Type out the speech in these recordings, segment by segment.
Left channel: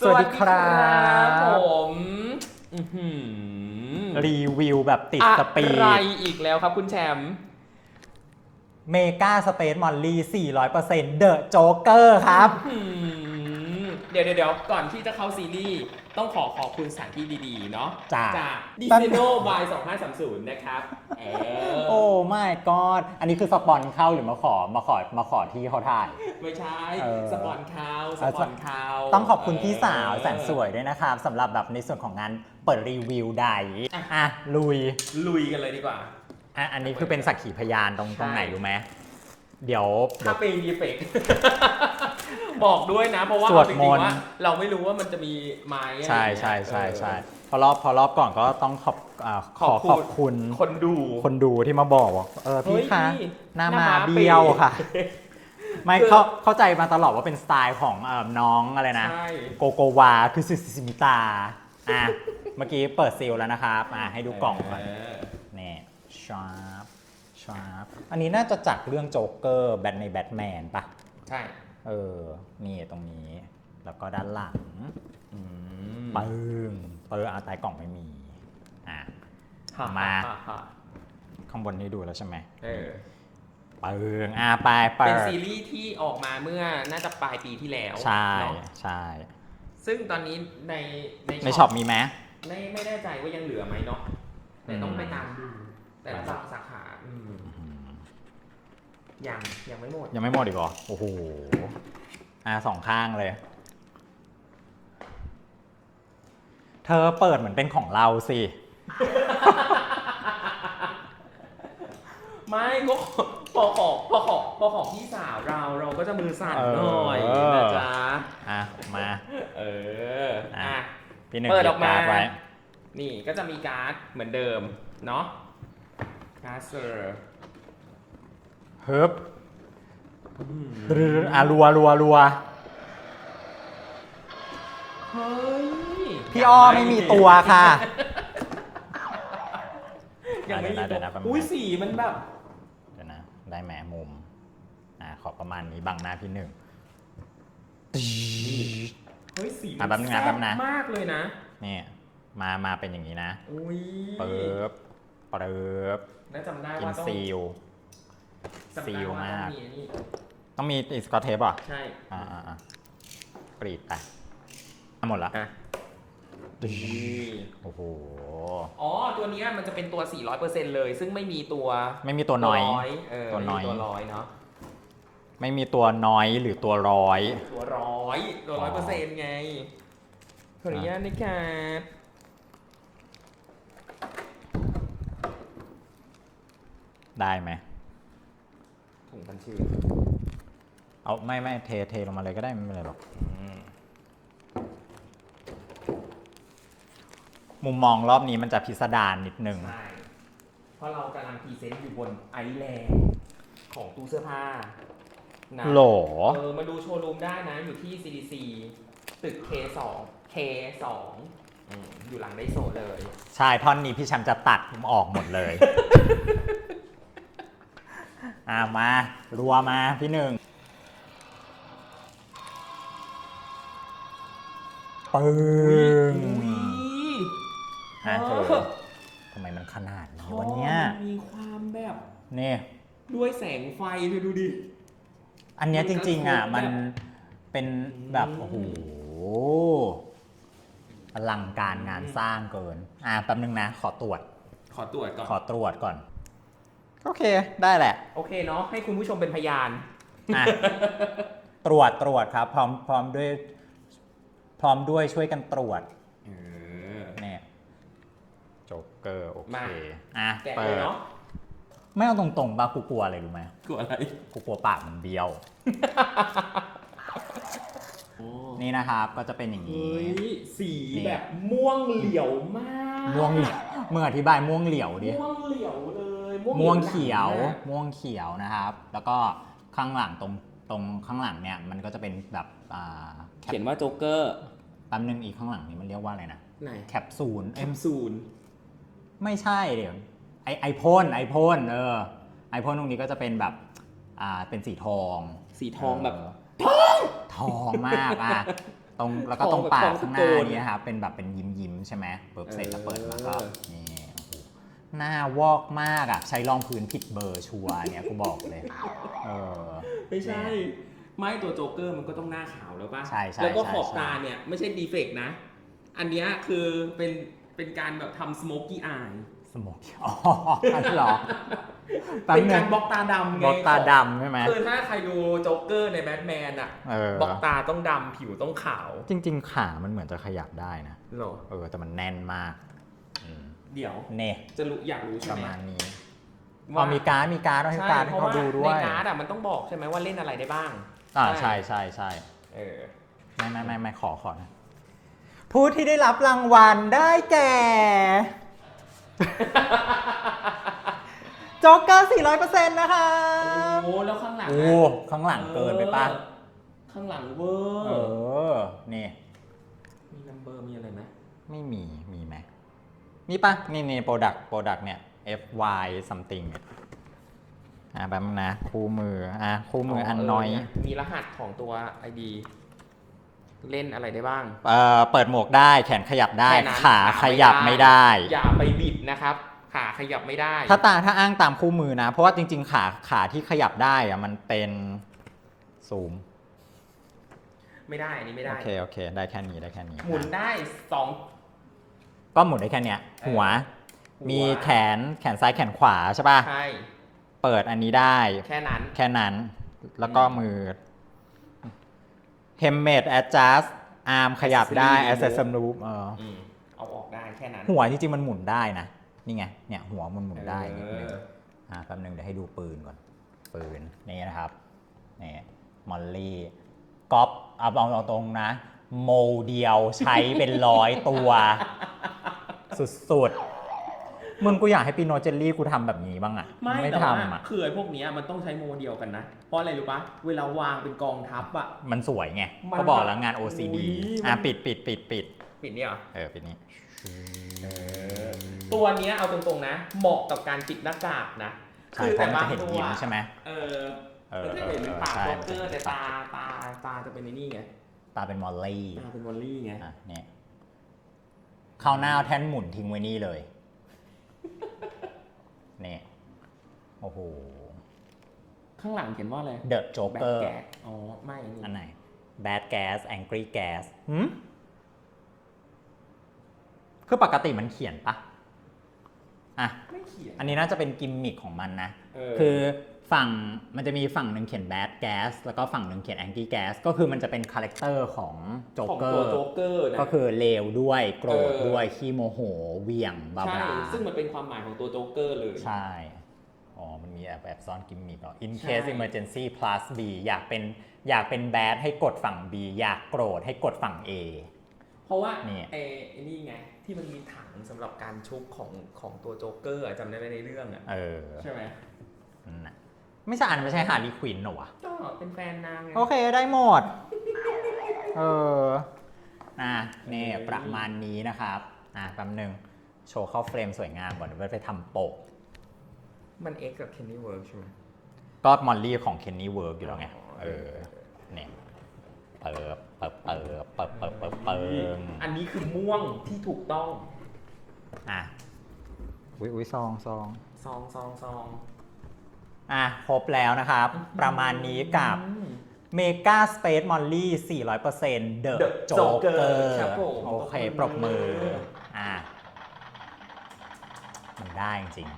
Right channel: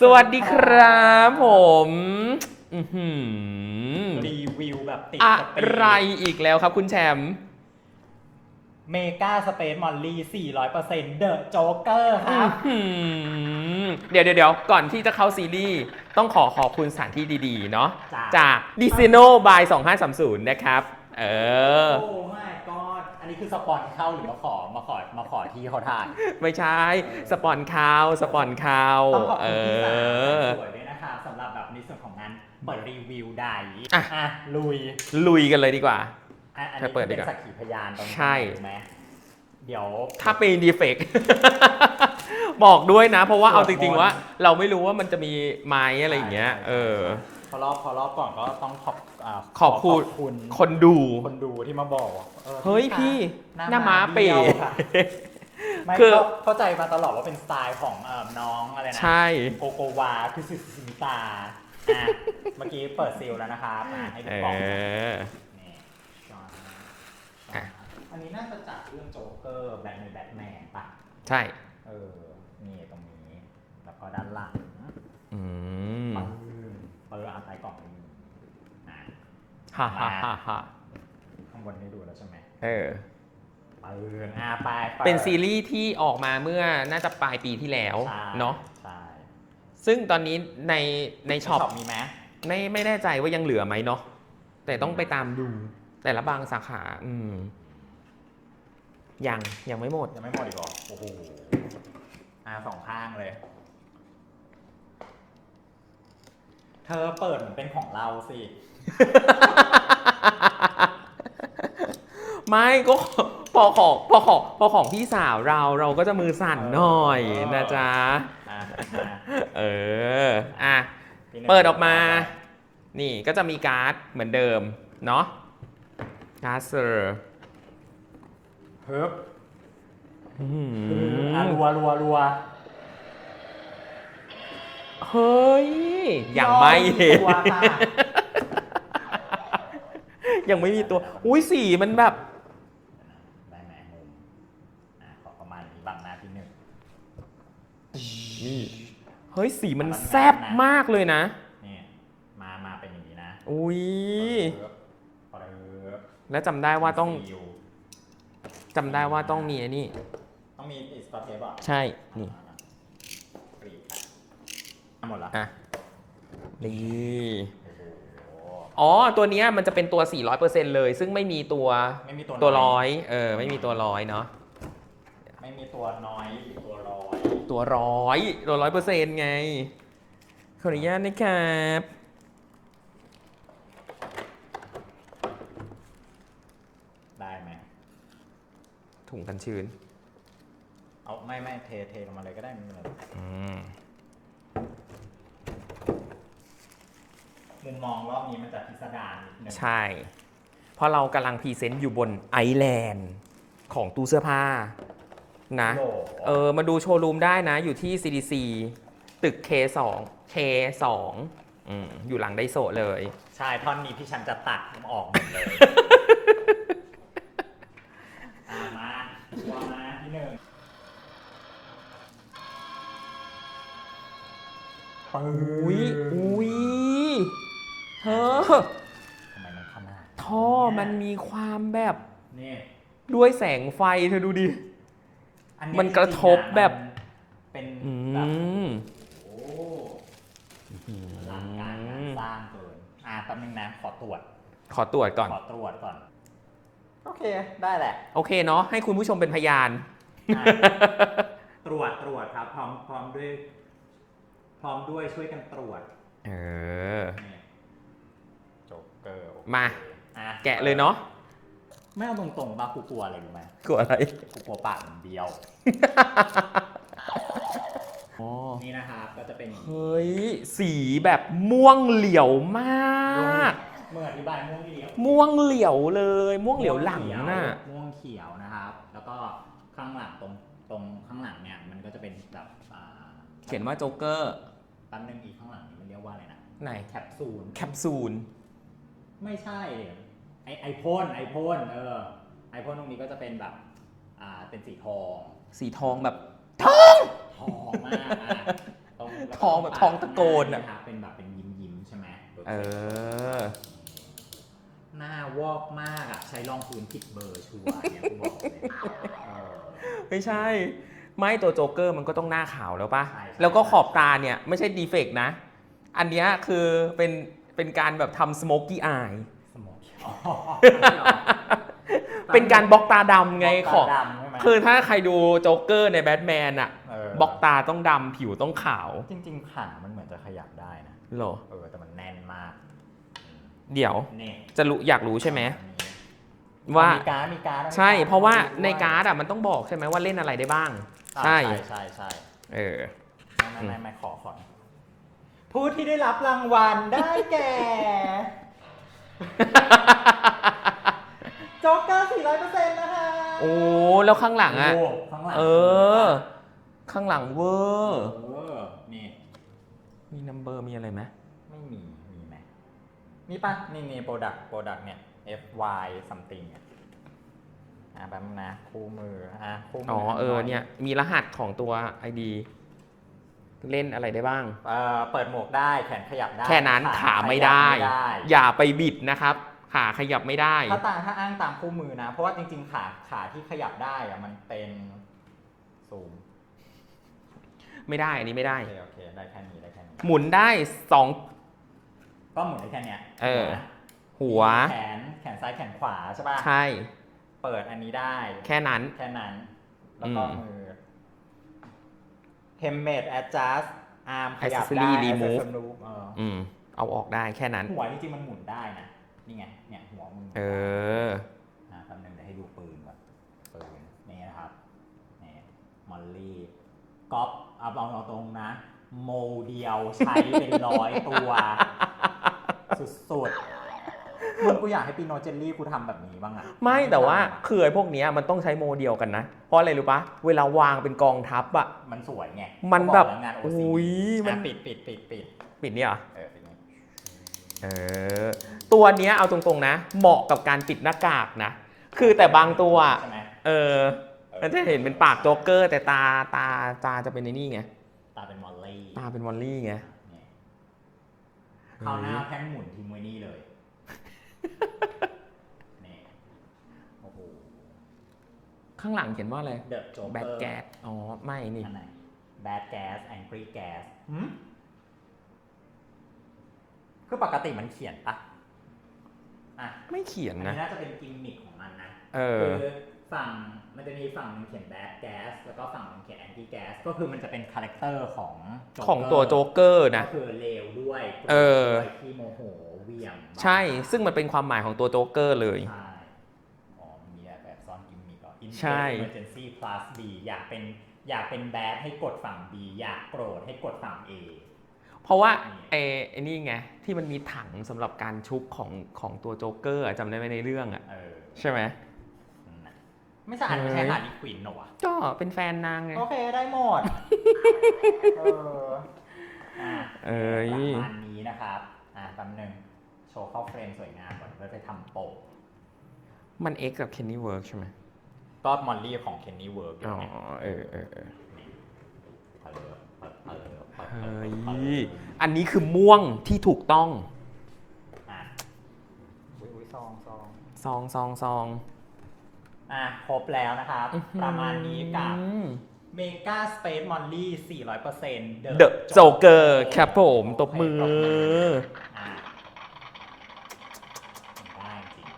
สวัสดีครับผมอื้อหือรีวิวแบบติดสปีอะไรอีกแล้วครับคุณแชมป์เมกาสเตทมอลลี่400%เดอะโจ๊กเกอร์ครับ อื้อหือ เดี๋ยวเดี๋ยวเดี๋ยวก่อนที่จะเข้าซีรีส์ต้องขอขอบคุณสถานที่ดีๆ เนาะจ้ะ จากดิซ n o by 2530 นะครับ เออ โอ้ไม่กอดอันนี้คือสปอนเข้าหรือมาขอมาขอมาขอที่เขาถ่าย ไม่ใช่ เออ สปอนข่าวสปอนข่าวต้องขอบคุณพี่สาวเออแสนสวยด้วยนะครับสำหรับแบบในส่วนของงานเปิดรีวิวใดอะอะลุยลุยกันเลยดีกว่า อะอันนี้จะเปิดคือเป็นดีกว่าสักขีพยานตรงใช่ ไหนรู้ไหมเดี๋ยวถ้าเป็นดีเฟก บอกด้วยนะ เพราะว่าสวเอาดจริงมนต์ ๆว่า เราไม่รู้ว่ามันจะมีไม้อะไรอย่างเงี้ยใช่ใช่เอใช่อพอรอบพอรอบก่อนก็ต้องขอบาขอบคุณขคุณคนดู คนดูที่มาบอกว่าเออเฮ้ยพี่คะพี่หน้าหน้ามาม้าเบี้ยวปีค่ะ ไม่คือเข้าเข้าใจมาตลอดว่าเป็นสไตล์ของเอ่อน้องอะไรนะ ใช่ โกโกวาคือซิซิมิตาอะ เมื่อกี้เปิดซีลแล้วนะครับอะให้ดูกล่องก่อนเออนี่ชาร์ปชาร์ปอันนี้น่าจะจากเรื่องโจ๊กเกอร์แบทในแบทแมนปะใช่ เออ นี่ตรงนี้ แล้วก็ด้านหลังอืมปึ้งเอออาใต้กล่องไม่มี อะ ฮ่ามา ฮ่าฮ่าฮ่าข้างบนนี่ดูแล้วใช่ไหมเออ ปึ้งอะไปไปเป็นซีรีส์ที่ออกมาเมื่อน่าจะปลายปีที่แล้วใช่เนาะใช่ซึ่งตอนนี้ในในในช็ช็ออปปมีไหม ไม่ไม่แน่ใจว่ายังเหลือไหมเนาะแต่ต้องอืมไปตามดู แต่ละบางสาขา อืม ยังยังไม่หมด ยังไม่หมดอีกเหรอ โอ้โห อะสองข้างเลย เธอเปิดเหมือนเป็นของเราสิ ไม่ก็พอของพอของพอของพี่สาวเราเราก็จะมือสั่นหน่อยเออ นะจ๊ะ อะ มา เออ อะ พี่หนึ่งเปิดออกมา ไว้นี่ก็จะมีการ์ดเหมือนเดิม เนาะการ์ดเซอร์ เฮิบอะรัวรัวรัวเฮ้ยพี่ยังอ้อไม่มีเห็นตัวค่ะ ยังไม่มีตัวเดี๋ยวนะอุ้ยสีมันแบบเดี๋ยวนะได้แหมมุมอะขอประมาณนี้บังหน้าพี่หนึ่งเฮ้ยสีมันอะแป๊บนึงนะแซ่บแป๊บนะมากเลยนะนี่มามาเป็นอย่างนี้นะ อุ้ยเปิบเปิบแล้วจำได้ว่าต้องซีล จำได้ว่าซีลมากต้องมีไอ้นี่ ต้องมีสกอตเทปอะใช่อ่าอ่าอ่าปรีดไปหมดละอะนี่โอ้โห อ๋อ ตัวเนี้ยมันจะเป็นตัว 400%เลย ซึ่งไม่มีตัวไม่มีตัวตัวน้อย ร้อยเออ ตัวไม่มีน้อยตัวร้อยเนาะ ไม่มีตัวน้อยหรือตัวร้อย ตัวร้อยตัวร้อยเปอร์เซ็นต์ไง ขออนุญาตนะครับ ได้ไหม ถุงกันชื้นเอาไม่ไม่เทเทลงมาเลยก็ได้ไม่เป็นไรหรอกมุมมองรอบนี้มันจะพิสดารนิดนึง ใช่ เพราะเรากำลังพรีเซนต์อยู่บนไอแลนด์ของตู้เสื้อผ้านะโหลเออมาดูโชว์รูมได้นะ อยู่ที่ CDC ตึก K2 K2 อืมอยู่หลังไดโซะเลย ใช่ ท่อนนี้พี่แชมป์จะตัดออกหมดเลย อ่ามารัวมาพี่หนึ่งปึ้อุ้ยงอุ้ยเออะอทำไมมันขนาดนี้ท่อวะมันเยมีความแบบนี่ด้วยแสงไฟเธอดูดิ อันเนี้ยมันจกระริงทๆบอะแบมับ นเป็นแบบอืมโอ้โหอลังการงานสร้างเกิน อ่าแป๊บนึงนะ ขอตรวจ ขอตรวจก่อน ขอตรวจก่อน โอเค ได้แหละ โอเคเนาะให้คุณผู้ชมเป็นพยาน อะ ตรวจตรวจครับ พร้อมพร้อมด้วย พร้อมด้วยช่วยกันตรวจเออ เนี่ยโจ๊กเกอร์โอเคมา อะแกะเลยเนาะไม่เอาตรงๆป่ะกูกลัวอะไรรู้ไหมกลัวอะไรกูกลัวปากมันเบี้ยวนี่นะครับ ก็จะเป็นอย่างนี้ เฮ้ยสีแบบม่วงเหลียวมาก ม่วงเมื่ออธิบายม่วงเหลียวดิม่วงเหลียวเลย ม่วงเหลีม่ยววงหลังเขียวน่ะม่วงเขียวนะครับ แล้วก็ข้างหลังตรงตรงข้างหลังเนี่ยมันก็จะเป็นแบบอ่าเขียนว่าโจ๊กเกอร์ แป๊บนึงอีกข้างหลังนี่มันเรียกว่าอะไรนะไหน แคปซูล แคปซูล ไม่ใช่เดี๋ยวไอไอพ่นไอพ่นเออไอพ่นตรงนี้ก็จะเป็นแบบอ่าเป็นสีทองสีทองแบบเทองมากอะตรงแล้วก็ท้ตอรงงแบบปากท้องข้างหตะโกน้านอะเนี่ยครับเป็นแบบเป็นยิ้มยิ้มๆใช่ไหมเบิร์เสร็จก็เปิดเออเข้านี่โอ้โหหน้าวอกมากอะ ใช้รองพื้นผิดเบอร์ชัวร์เนี่ยกูบอกเลยเออ ไม่ใช่ ไม่ตัวโจ๊กเกอร์มันก็ต้องหน้าขาวแล้วป่ะ ใช่ใช่แล้วก็ใช่ขอบตาเนี่ย ไม่ใช่ดีเฟกต์นะ อันเนี้ยคือเป็นเป็นการแบบทำสโมกกี้อายสโมกอ๋อนั่นเหรอเป็นการบล็อกตาดำบไงล็อกตาของดำใช่ไหมคือถ้าใครดูโจ๊กเกอร์ในแบทแมนอะเออบล็อกตาต้องดำผิวต้องขาว จริง ๆ ขามันเหมือนจะขยับได้นะ เหรอ เออ แต่มันแน่นมากอืม เดี๋ยวเนี่ยจะรู้อยากรู้ใช่ไหมประณนี้ว่ามีการ์ดมีการ์ดใช่ให้เพราะว่าดูด้วยในการ์ดอะมันต้องบอกใช่ไหมว่าเล่นอะไรได้บ้างอ่าใช่ใช่ใช่เออไม่ไม่ไม่ไม่ขอขอนะผู้ที่ได้รับรางวัลได้แก่ โจ๊กเกอร์ 400%นะคะโอ้แล้วข้างหลังอะโอ้ข้างหลังเอเกินไปอปะข้างหลังเวอเอร์อนี่มีนัมเบอร์มีอะไรไหมไม่มี มีไหมมีปะนี่นี่โปรดักต์โปรดักต์เนี่ย FY something เนี่ยอะแป๊บนึงนะ คู่มืออะคู่มืออันเอน้ออยเนี่ยมีรหัสของตัว ID เล่นอะไรได้บ้าง เอ่อเปิดหมวกได้แขนขยับได้แค่นั้นขาขยับไม่ได้ อย่าไปบิดนะครับ ขาขยับไม่ได้ ถ้าตาถ้าอ้างตามคู่มือนะ เพราะว่าจริง ๆ ขาขาที่ขยับได้อะมันเป็นซูมไม่ได้อันนี้ไม่ได้ โอเคโอเค ได้แค่นี้ได้แค่นี้ หมุนได้สอง ก็หมุนได้แค่เนี้ยเออหัวหัมีว แขนแขนซ้ายแขนขวาใช่ป่ะใช่เปิดอันนี้ได้ แค่นั้น แค่นั้นแล้วก็อืมมือ Helmet adjust อาร์มขยับได้ Accessory remove Accessory remove เอออืมเอาออกได้แค่นั้น หัวจริงๆมันหมุนได้นะ นี่ไงเนี่ยหัวมันหมุนเอได้อ อ่าแป๊บนึงเดี๋ยวให้ดูปืนก่อน ปืนนี่นะครับนี่มอลลี่ก๊อปเอาเอาตรงๆนะ โมเดียวใช้เป็นร้อยตัว สุดๆมึงกูอยากให้ปีโนเจลลี่กูทำแบบนี้บ้างอะไม่แต่ว่าทำอะคือไอ้พวกเนี้ยมันต้องใช้โมเดียวกันนะ เพราะอะไรรู้ปะเวลาวางเป็นกองทัพอะ มันสวยไงมันก็บอแบกบแล้วงาน OCD อุ๊ยมัน อะปิดปิดปิดปิดปิดเนี่ยเหรอเออปิดนี้เออตัวเนี้ยเอาตรงๆนะ เหมาะกับการปิดหน้ากากนะ คือแต่บางตัวใช่ไหมเออเออมันจะเห็นเป็นปากโจ๊กเกอร์ แต่ตาตาตาจะเป็นในนี่ไง ตาเป็นมอลลี่ตาเป็นวอลลี่ไง อะเนี่ย เข้าวหน้าเอาแท่นหมุนทิ้งไว้นี่เลยเนี่ยโอ้โห ข้างหลังเขียนว่าอะไร The แบ Joker ดแกสอ๋อ ไม่นี่อันไหน Bad Gas Angry Gas หืมคือปกติมันเขียนปะอะ ไม่เขียนอันนี้น่าจะเป็นกิมมิคของมันนะ เออ คือ ฝั่งมันจะมีฝั่งหนึ่งเขียน bad gas แล้วก็ฝั่งหนึ่งเขียน angry gas ก็คือมันจะเป็นคาแรคเตอร์ของโจ๊กเกอร์ของตัวโจ๊กเกอร์นะก็คือเลวด้วยโกรเอธอด้วยขี้โมโหเหวี่ยงบ้าๆใช่ ซึ่งมันเป็นความหมายของตัวโจ๊กเกอร์เลยใช่อ๋อมันมีแอบแอบซ่อนกิมมิคเหรอ in ใช่ case emergency plus b อยากเป็นอยากเป็น bad ให้กดฝั่ง b อยากโกรธให้กดฝั่ง a เพราะว่านี่ไอ้ไอ้นี่ไงที่มันมีถังสำหรับการชุบของของตัวโจ๊กเกอร์อะจำได้ไหมในเรื่องอะเออใช่ไหมนั่นน่ะ ไม่ใช่อันไม่ใช่ฮาร์ลีควินหรอวะก็เป็นแฟนนางไง โอเคได้หมด เออ อะเอนี่อประมาณนี้นะครับ อะแป๊บนึง โชว์เข้าเฟรมสวยงามก่อนเดี๋ยวไปทำโปะมัน X กับ Kenny Work ใช่ไหมก็มอลลี่ของเคนนี่เวิร์กอยู่แล้วไงอ๋อเออเออเออนี่เปิบเปิบเปิบเปิบเปิบเปิบเปิเฮ้ยบอันนี้คือม่วงที่ถูกต้อง อะอุ้ยอุ้ยซองซองซองซองซอง อะครบแล้วนะครับ ประมาณนี้กับอืม Mega Space Molly 400% The The Joker ครับผมโอตบเคมือปรบมืออะมันได้จริง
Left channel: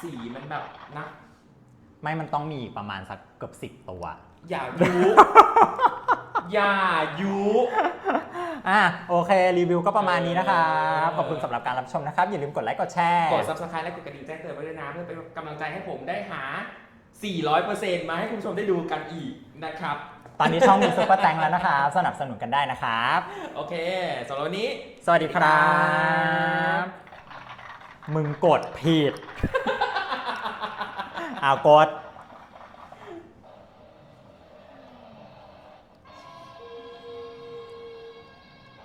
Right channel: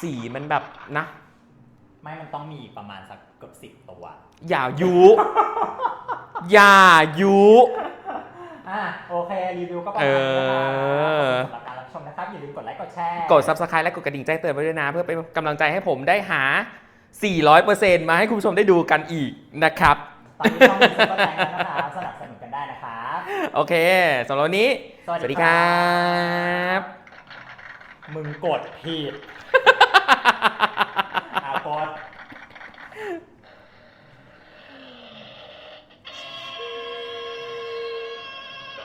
สีมันแบบนะ ไม่มันต้องมีประมาณสักเกือบสิบตัว อย่ายุ อย่ายุ อะโอเค รีวิวก็ประมาณนี้นะคะเออขอบคุณสำหรับการรับชมนะครับ อย่าลืมกดไลค์กดแชร์กด subscribe และกดกระดิ่งแจ้งเตือนไว้ด้วยนะ เพื่อเป็นกำลังใจให้ผมได้หา 400%มาให้คุณผู้ชมได้ดูกันอีกนะครับ ตอนนี้ช่องมีซุปเปอร์แตงแล้วนะคะสนับสนุนกันได้นะครับ โอเคสำหรับวันนี้ สวัสสวัสดีดีคครัรับบมึงกดผิด เอากด